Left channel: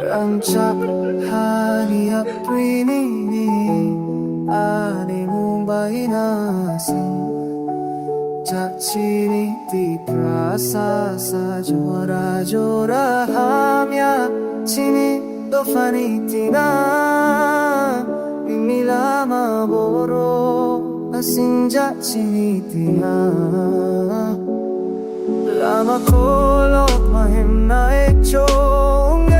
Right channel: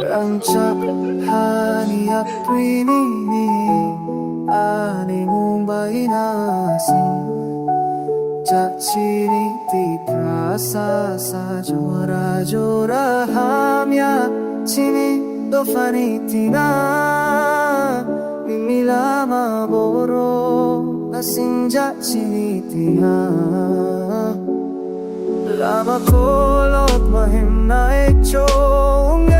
Rancak hani aprini ani mumbai nasing Jachini ti prasa sa jora jora hamya chini dofani tina mimila maboro nasing jachini tina lama kolot mahim na ekchong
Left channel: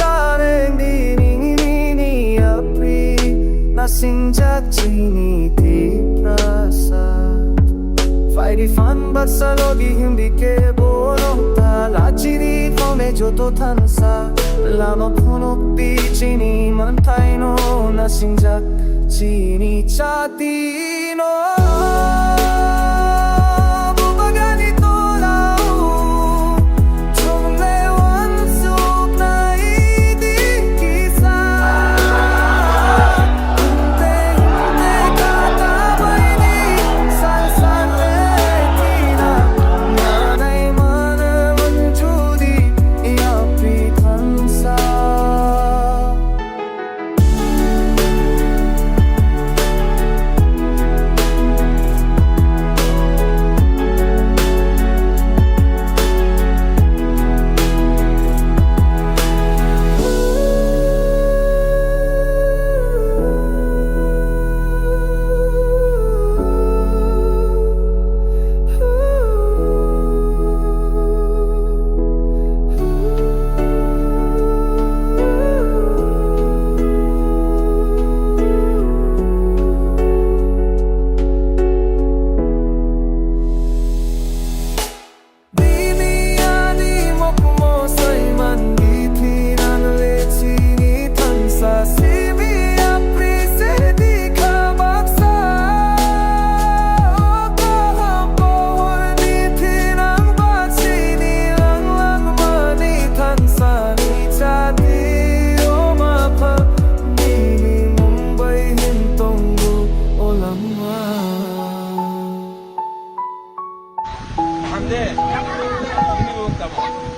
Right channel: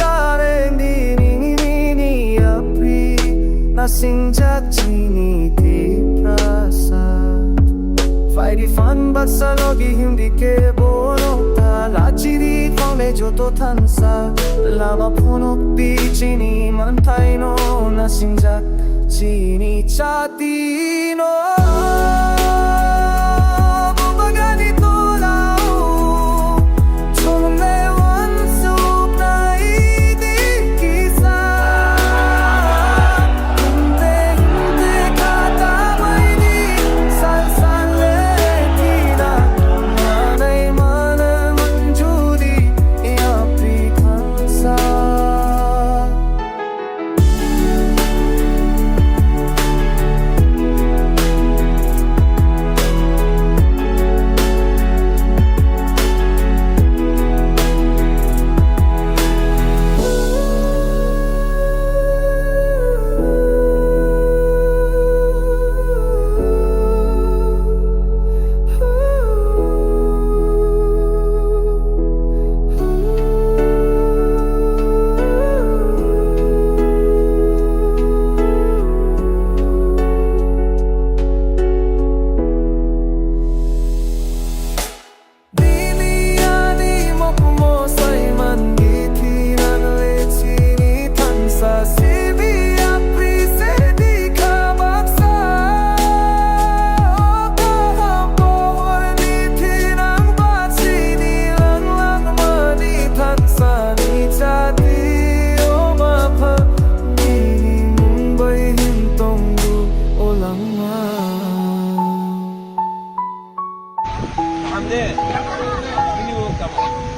dareng dinini api nasing jachini ti prasa Fighty fun but sa logi hindi ke bono Talachiri fome joto tansa Lama puno pichini mantaino Nasingjak chini chatino Bumaganito lao Tumne wansup na idikisa Hinte katabay di salsan Tansa Mandikinan lechini tansa Simi apri se dikha baksa Kahampohor nitinang bachini lang lang mani tansa Ni chati o mapha Nini Mumbai hintonggu olama Hamde, ini bukan kamu.